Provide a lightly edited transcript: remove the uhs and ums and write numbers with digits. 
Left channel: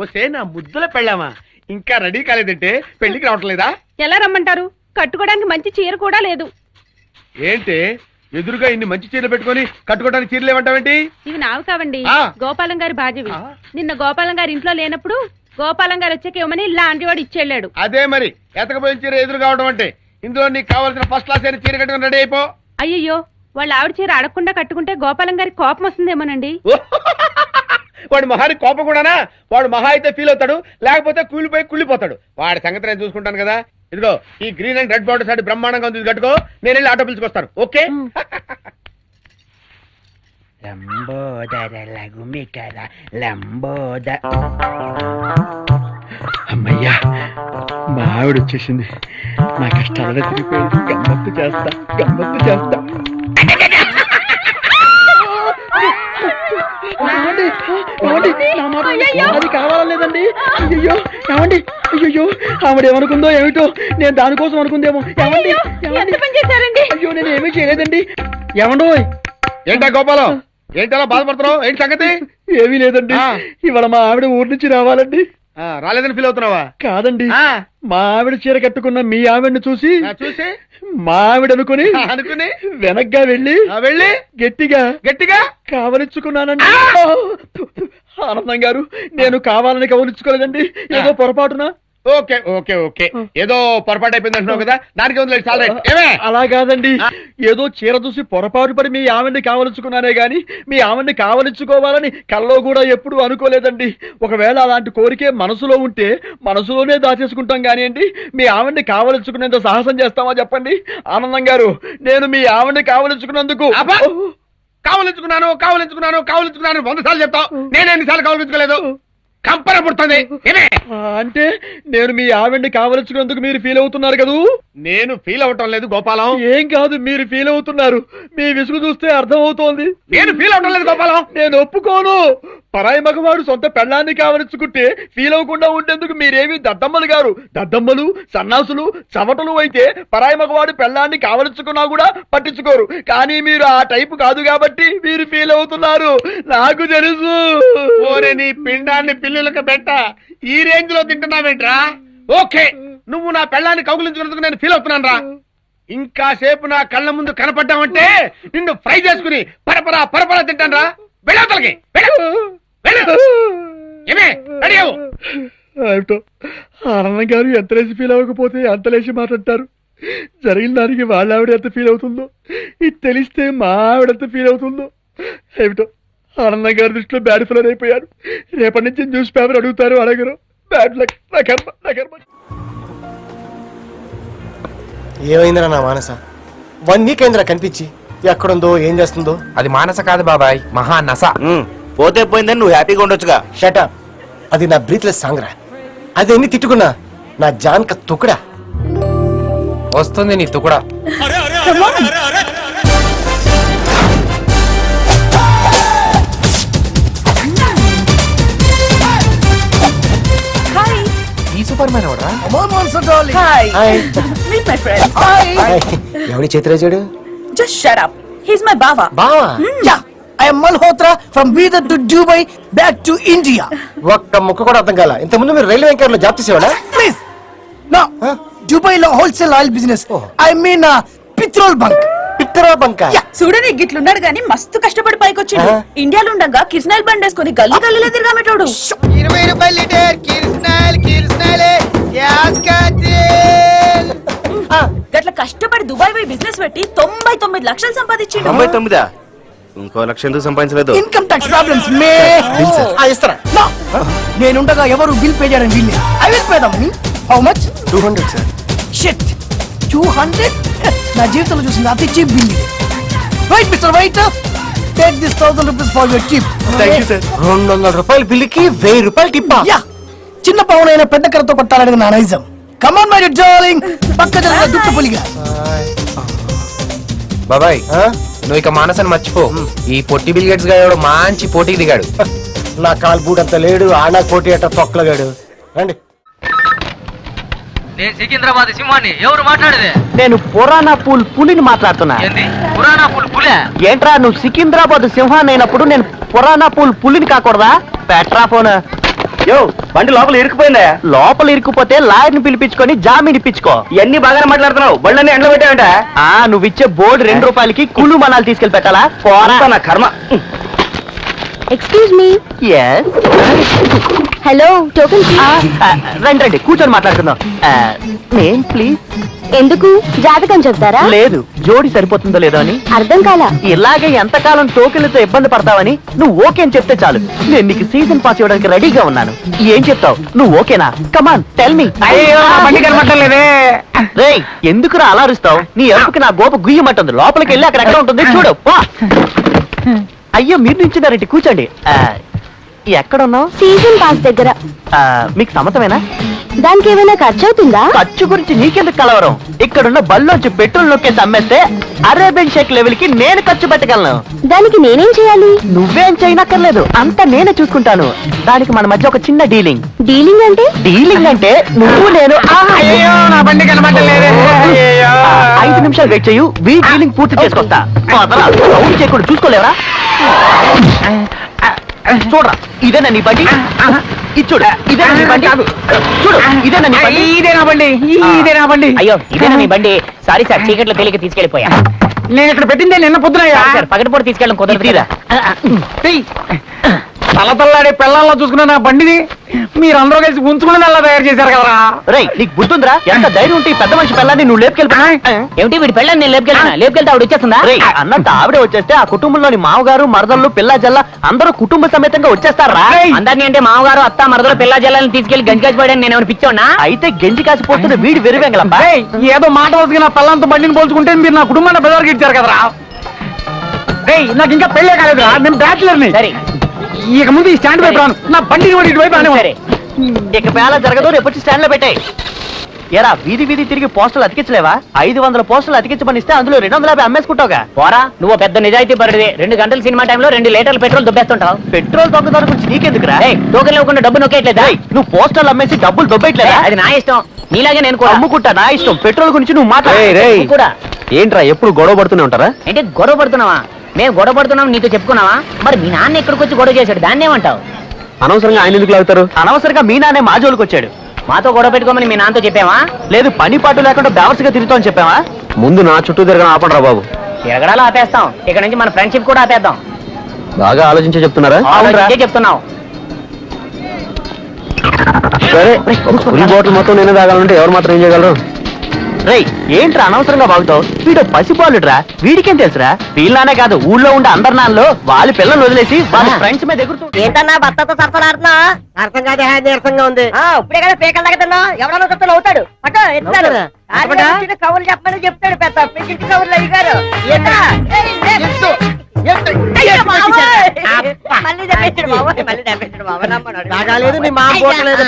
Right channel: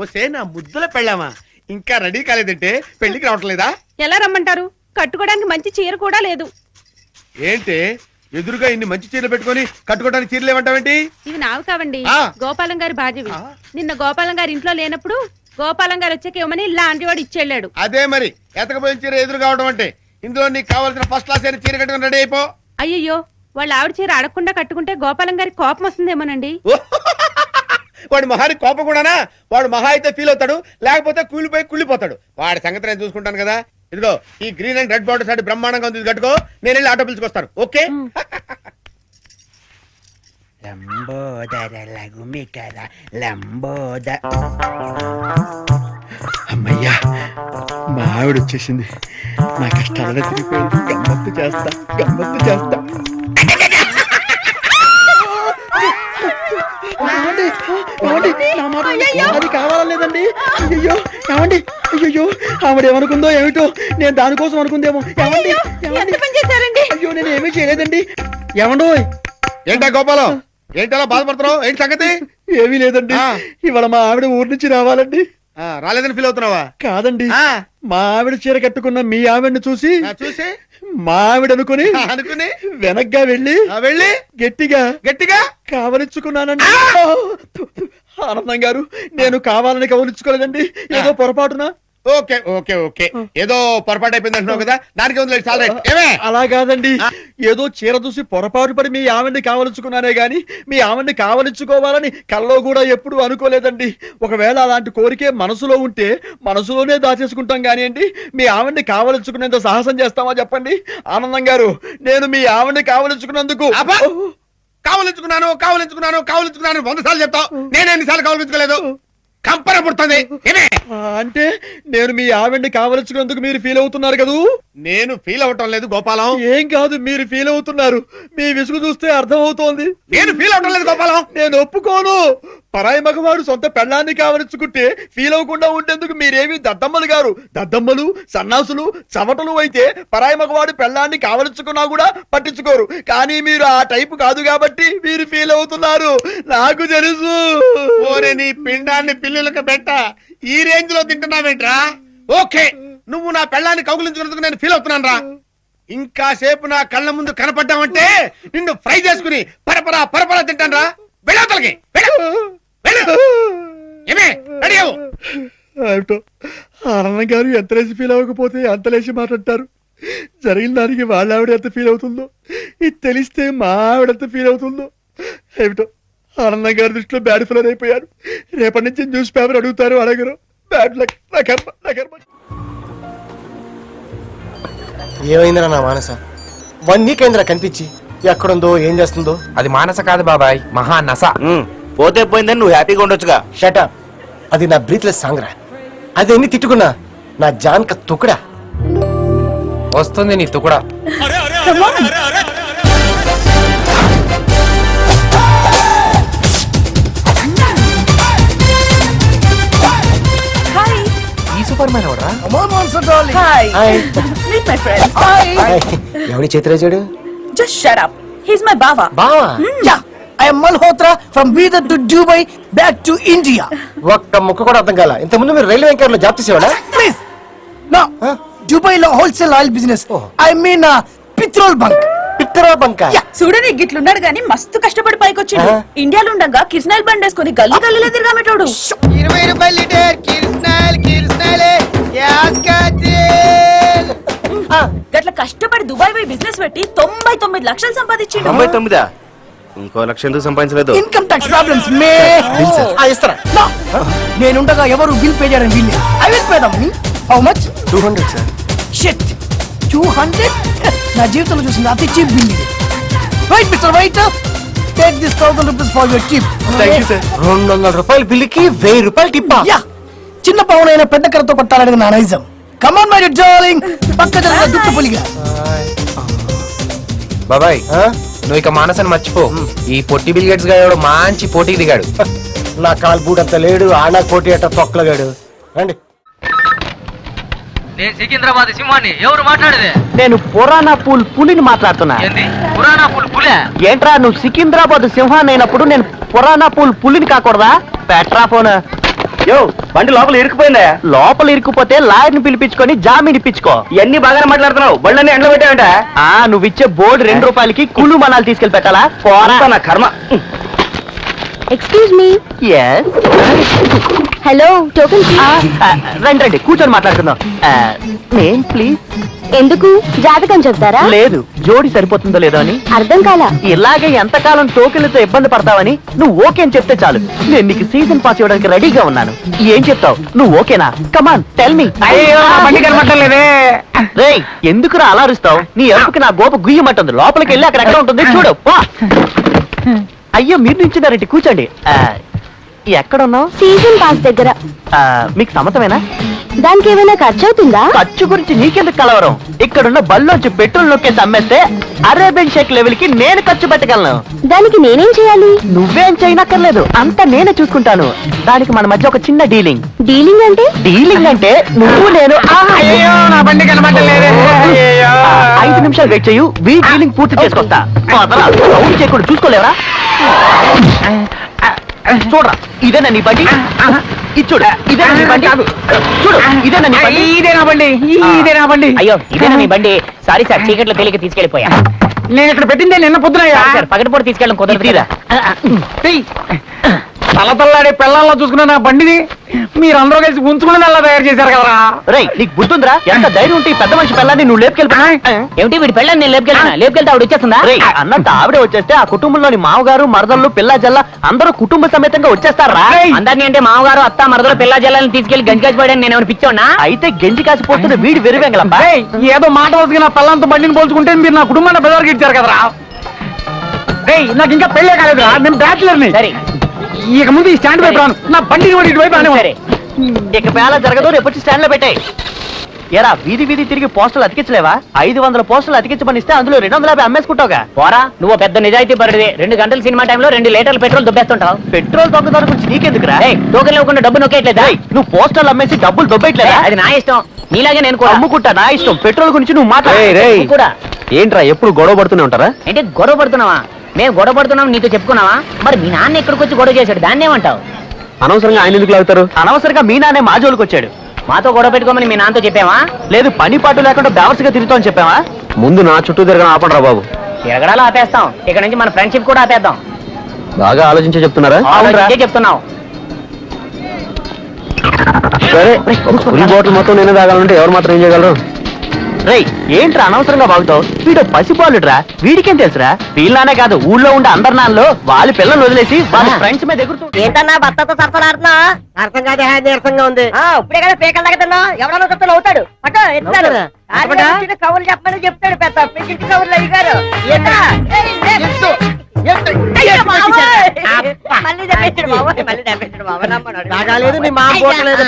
వస్తే నా ముద్దుల పెళ్ళామా ఇంకా రెడీ కాలేదంటే పెళ్లికి రావట్లేదా? ఎలా రమ్మంటారు? కట్టుకోవడానికి మంచి చీర కూడా లేదు. ఏంటి ఎదురుగా ఇన్ని మంచి చీరలు పెట్టుకొని కట్టుకోవడానికి చీరలు ఏమంటావేంటి? ఇవి నావి కావండి, గోపాలం గారి బాధ్యవి. నిన్న గోపాలం గారి ఇంట్లో లేనప్పుడు గోపాలం గారు వచ్చాక ఇవ్వమని లాంటి వాడు ఇచ్చెళ్ళాడు. అదే మరి ఎతకపోయిన చీర ఎదురు కావడం అంటే. ఇందులో నీకు కావాల్సిన ఫస్ట్ క్లాస్ అయిన చీర కట్టుకుని రెడీ అయిపో. అయ్యయ్యో, వాళ్ళ ఆవిడ చీర అడగకుండా కట్టుకుంటే గోపాలం గారి కోపం వస్తుందేమోనండి. వాడు మహాని కోపం కూడానా? వాడు మహా అయితే ఫీల్ అవుతాడు, లేకపోతే కూలిపోయి కుళ్ళిపోతాడు. వాడి సంగతి నేను చూసుకుంటాను కదా. ఇదిగో ఈ గ్రీన్ అండ్ రెడ్ బార్డర్ సారి బ్రహ్మాండంగా ఉంది, కట్టుకో. నేను వెళ్ళి ఆటో పిలుచుకొస్తాను. ఓకే? అమ్మయ్యా, మా ఆవిడ వచ్చేసింది. నా కష్టాలనే తిరిగిపోయింది. గమ్మత్తు చేస్తా, గమ్మత్తు చేస్తా. అది కావాలేదండి. అయ్యో ఏమండి, అయ్యో ఆవిడేమనుకుందో ఏమిటో, నేను దానికోసం అనుకుందేమో. అయ్యో నేను ఏమీ చేయలేదండి. ఏమండో? ఏంటా గోపాలం, ఏంటలా బాధపడుతున్నావు? ఏంటి సంగతి? ఏమీ లేదండి, ఇవాళ మా ఆవిడ ఊరి నుంచి రావాలండి. రాలేదని ఫీల్ అవుతున్నావా? కాదండి, మా ఆవిడ చీర కట్టుకున్న మీ ఆవిడని చూసి మా ఆవిడ అనుకుని వెనక్గా వెళ్ళి గట్టిగా గట్టిగా కావలించుకున్నానండి. ఆనందం గారు, నేను కావాలని కవలించుకోలేదండి, ఏదో పొరపాటున. ఓకే ఓకే ఓకే, ఏదో పొరపాటు అయిపోయింది అంటున్నావు కదా, దానికి అలా కాదండి. ఏదో చీర చూసి పొరపాటు పడి మీ ఆవిడ్ని కావలించుకున్నానే గాని మీ ఆవిడ్ని కావలించుకోవాలని కల్లో కూడా ఎప్పుడు అనుకోలేదండి. ఒకవేళ అలాంటి కోరికే మనసులో ఉంటే మనసులోనే దాచేసుకుంటాం కానివ్వండి, మీ ఆవిడ్ని కావలించుకునేంత సాహసం చేస్తామా చెప్పండి? ఆనందం గారు, నేను మీ ఆవిడ్ని కావలించుకున్నందుకు కావలించుకున్నాను 100 సార్లు చెప్తావు. నేను ఎన్నిసార్లు కావలించుకోలేదు? కంపన పుడుతుంది. అంటే నేను మీ ఆవిడ్ని కావలించుకున్నందుకు మీరు ఫీల్ అవుతున్నారు కదూ? నేను ఫీల్ అవటం లేదు గోపాలం. ఏం కాదు, మీరు ఫీల్ అవుతున్నారు. మీ విసుగు చూస్తే అర్థం అవుతోంది. నేను ఫీల్ అవటం లేదు గోపాలం. నేను ఒప్పుకోను. పరాయి మగవాడు సొంత పెళ్ళాన్ని కావలించుకుంటే ఫీల్ అవ్వకుండా ఉండేందుకు మీరేమి దద్దమ్మలు గారు? దద్దమ్మలు, సన్నాసులు, చవటలు అయితే పరాయి మగవాడు పెళ్ళాన్ని కావలించుకున్నా కూడా పట్టించుకోరు. కానీ మీరు ఆ టైపు కాదు కాబట్టి మీరు ఫీల్ అవుతున్నారు. నాకు తెలుసు. ఓరే నీ పిండాన్ని పిల్లులకు పెట్ట, ఈ రేంజ్ లో తింటున్నావేంట్రా? ఓకే, నువ్వు నా పెళ్ళాన్ని కౌగులించుకున్నందుకు నేను ఫీల్ అవుతున్నాను రా. ఇంకా సేపు నా కళ్ళ ముందు కనపడ్డావంటే నిన్ను ఫ్రై చేసుకుని పరపరా తింటాను రా. వెళ్ళవతలకి ఆనందం గారు ఎంత లేచి ఫీల్ అవ్వకపోతే అంత లేచి మాట్లాడతారు. జరిగిన దానికి వాళ్ళ ఆవిడ ఎంత ఫీల్ అవుతుందో, ఇది తెలిస్తే మా ఆవిడ ఎంత ఫీల్ అవుతుందో ఏమిటో. ఆనందం గారి దృష్టిలో బ్యాడ్ ఫిలర్ అయిపోయారు. రేపటి నుంచి న్యూస్ పేపర్ అడుగుతారు, అడగరు. Bad luck. నా కర్మ. ఏమైందిరా నా మానస? 1 వీక్ అయిందిరా కనిపించి. ఎక్కడుందో, ఏం చేస్తుందో? అది మానస కాదు బాబాయ్, మహా నస. పోతే పోయిందని నువ్వు హ్యాపీగా ఉండొచ్చుగా. షటప్. అది నా బ్రీత్లెస్ సాంగ్ రా. అది ఎన్ని తిట్టుకున్నా నా జాన్క తుకుడా. వస్తుంది నీ తుకుడా. ఈ సూపర్ మ్యాన్ ఎవడరా? ఎవరి చేతిరాజాడు? Just shut up. He's my bava. బావా? Yeah. I am Malhotra from Bidar to Dubai back to India. ఒక్క ముక్క కూడా అర్థం కాల. ఇంత ముందు మీరు రైల్వే ఎంకర్ లో job చేసేవాడా? Please. No. Dubai lo wholesale oil business. I mean petrol bunk. Petrol bunk. చూడని గిట్లున్నాడు గాని మస్తు కష్టపడి పైకొచ్చిండు. ఇండియాలో ఉండగా కిర్స్నాయిల్ బండ్ వేసుకొని గల్లీ గల్లీలో తిరగామెటోడు. 20 రూపాయలు లీటర్ కిర్స్నాయిల్ గ్యాస్ కట్టేల్. గట్ల కష్టపడి దుబాయ్ పోయి బిజినెస్ పెట్టి 99 లక్షలు సంపాదించిండు. 99? ఇంకో లక్ష ఎందుకు సంపాదించలేదు? Income tax problems may. ఇస్తారా? నేనుండగా ఎవరు బిల్ పే చేయడం వీళ్ళే. I will pay the money. How much? 200 sir. Shit. 200? నా జీవితంలో చూసింది అతి చీప్ బిల్ ఇది. Wait mister wait. Take this 1000 rupees for your tip. Thank you sir. 200 రూపాయల బిల్లుకి 1000 రూపాయలు టిప్పా? యా. చిన్న పవనైన పెద్ద కర్రతో కొట్టాలనేది నా నైజం. Come on my darling. పక్క జరగ దుట్టు పులిగా. బాబాయ్, నువ్వు ఇక మానసని మర్చిపో. ఈ పొట్టి బిల్ గేట్స్ గాడు మంచి పోటీకి దిగాడు. నా కాల్ బూట్ అంత లేడు, ఆనా కోటి అట్ట తొక్కలగాడు. రండి. నేను సికింద్రాబాద్ సింహాన్ని. ఎవరు మాట్లాడేది? నేను పురాణా పూల్ పులిని మాట్లాడుతున్నా. ఏంది పురాణా పులే? ఏంట్రా నువ్వు సికింద్రాబాద్ సింహాన్ని అయినప్పుడు నేను పురాణా పూల్ పులిని కాకూడదా? Petra phone. యో బండి లోపల ఇరుక్కుపోయిందా? లోపల ఇరుక్కుపోతే లాయర్ని పిలిపించుకొని జామీన్ ఇప్పించుకో. ఇవన్నీ బాగానే మాట్లాడుతున్నావు. బండ్లన్నీ ఎండలో పెట్టావంట. నువ్వు ఇచ్చే బోర్డు 2 రూపాయలకి కుళ్ళు మనాలు తీసుకెళ్లి పెట్టాలా? అంతా నా కర్మ. Excuse me. హలో, టోకెన్ రండి రండి కూర్చొని మాట్లాడుకుందాం. Name please. ఎందుకు? జాతకం చెప్తారా? లేదు, జోడి సరిపోతుందో లేదో అని. అర్థం కాలా? ఇలాగే ఎంతకాలం టోకెన్లతో ఇబ్బంది పడతావని నువ్వు ఓకే అని చెప్తే చాలు. నేను నీకు సీజన్ పాస్ ఇవ్వడానికి రెడీగా ఉన్నాను. ఏం చెప్తావు? నువ్వు ఓకేనా? Come on tell me. రేయ్ ఎందుకురా అలా అరుస్తావు? నీ ఎరుపుకి నా గోప గుయ్యమంటుంది. లోపలికి వెళ్ళి అక్కడ ఎక్కడ ఉంటుంది చూడు. పో. అయ్యో మీరు నించున్నారండి, కూర్చోండి. ఎక్కడున్నావు? సీజన్ పాస్ దగ్గర. మీకు సమ్మతమేనా? దానికి ఏమైనా ఖర్చు అవుతుందా? ఖర్చు గురించి నీకెందుకు కలవరం? ఇక్కడున్న బల్లోంచి పెట్రోల్ నొక్కేసి అమ్మేస్తే అరేబియన్ షేక్ లెవెల్ కి నేను ఖర్చు పెట్టగలను. దానికి నేనేం చేయాలి? నువ్వేం చేయనక్కర్లేదు, అంతా నేనే చూసుకుంటాను. దానికి మన మధ్య ఒక చిన్న డీలింగ్. డీలింగ్ అంటే? డీలింగ్ అంటే నువ్వు నేను 5 నిమిషాలు వెయిట్ చేయు, వీ డీలింగ్ పూర్తి చేసుకొస్తా. సౌండ్ చేయకుండా చూసుకోలేవరా? చూడరా, ఇదేనా నీ బండి? ఇచ్చుడు, ఇదేనా నీ బండి? చూడు, ఇదేనా నీ బండి? ఇదేనా బండి? అయ్యో ఇదేనా నీ బండి? సారీ సార్, చీకట్లో తేలిక తీసుకెళ్ళిపోయా. నేను ఇక్కడ పెట్టిందే నిన్న పొద్దున. సార్ పగటిపూట తీసుకెళ్ళడం కుదరదు. తలతల్లాడే పిల్లల్లో చూసుకున్న నా బండిని మీరందరూ కలిసి ఉంచుకుని అలా తయారు చేశారు కదరా. రేయ్ నీకు బుద్ధుందిరా? ఎంత ధైర్యం ఉంటే ఈ పెద్ద మనిషి పిల్లని నువ్వు లేపుకెళ్ళిపోయా? ఏమిటి వీడి పిల్లని నేను లేపుకెళ్తే ఆవిడ వచ్చేస్తుందా? రేయ్ అన్నంత ఆవిడే వచ్చేస్తే ఆ కుటుంబంలోని మామగారు మరదళ్ళు పిల్ల జల్ల అందరూ కుటుంబ సమేతంగా వచ్చేస్తారా? అందరినీ అంటే మామగారు అత్త మరదలు పిల్ల జల్లని తీసుకెళ్లి గంజి కాసిపోయాడని నేను పిచ్చోన్నా? అయితే గంజి కాసిపోతున్న వీడి వెరువెంగలమ్మా. ఏదో మాట వస్తుంది నా పిల్లలతో బండిని పోల్చుకుంటే మీరు నా కుటుంబాన్ని బెదరికి ఇచ్చారు కదరా. నాకు ఇంకా పెళ్ళే కాలేదురా, నేను బ్యాచులర్ని. సరే ఇక ముందు ఈ స్టాండ్ వైపు రాను, నా బండిని కూడా ఇటువైపు రాను. సరే ఇక వేళ జరగదు, రేపు వచ్చి స్టాండ్ లో పెట్టాయి. ఎరా వీధి వీధి తిరిగి పోస్టులు అతికించలేవా? 500 పోస్టులు అతికించమనిస్తే అందులో 250 అమ్మేసుకుంటావుగా. పోరా, నువ్వు పెద్ద నిజాయితీ పరుడివి. 2 గంటల సినిమా టైంలో 2 లీటర్ల పెట్రోల్ దుబ్బేస్తుంటావు. పెట్రోల్ దొంగదాని గురించి నీకెందుకురా? టోకెన్ ఇవ్వకుండా డబ్బు నొక్కేయట్లేదా? నువ్వు పోస్టర్లు అమ్మేసి డబ్బులు దొబ్బేయట్లేదా? అది నా ఇష్టం, నీలాగే నేను కూడా అమ్ముకుంటా. నా ఇష్టం. పెట్రోల్ గురించి నువ్వు మాట్లాడు కూడా. ఏంట్రా ఎప్పుడు గొడవ పడుతూనే ఉంటారా? ఏంటి గొడవ పడుతున్నావా? మేము గొడవ పడుతున్నాం నీతో చెప్పుకున్నావా? మరి మీ నాన్న ఎక్కడికి వచ్చి గొడవ చేశాడు, దాన్ని ఏమంటావు? అనవసరంగా ఆయన ఎందుకు లాగుతారు? అనవసరంగా మీ నాన్నే మా జోలికి వచ్చాడు. మాతో గొడవ పెట్టుకోమని మీ నాన్నతో చెప్పావా? లేదు, పని పాటు లేకుండా బేవర్స్గా తిరుగుతామని చెప్పావా? ముందు నా చుట్టూ తిరగడం ఆపండిరా బాబు. తిరగడాలు ఆపేస్తాం, ఇక్కడ నుంచి మన ఫ్రెండ్షిప్ కూడా ఆపేద్దాం. బాగా ఆలోచించే చెప్తున్నారా? చెప్తున్నావు. సరే, ఫుల్ బాటిల్ మొత్తం నేనే తాగాలంటే ఎవరు మాత్రం ఏం చేయగలరు? రేయ్ ఏంట్రా అనవసరంగా బాగుతావు? వీడు పసిపాలుడ్రా, వీడికేం తెలుసురా? వీళ్ళనే కాదు ఊళ్ళో ఉండే అందరి నాన్నలో వాళ్ళ పిల్లలు వదిలేసి వాళ్ళ ఫ్రెండ్స్ మీద ఎగురుతూ. ఏంటన్నా భర్తతో సరసలాడుతున్నా? అర్థం కాదు, నీరసంగా ఉంది. ఇప్పుడే కదా పేకల దగ్గర తిన్నా, ఎవడన్నా చెప్తాను అవుతాడు. కవులు చెప్పమని చెప్తాడు పెద్ద పెద్ద కవులు అయ్యారు. మళ్ళీ తెప్పించాడు బాబు, మళ్ళీ తెప్పించాడు బాబు. నమ్మడు నీ మా పోవట్లేదు.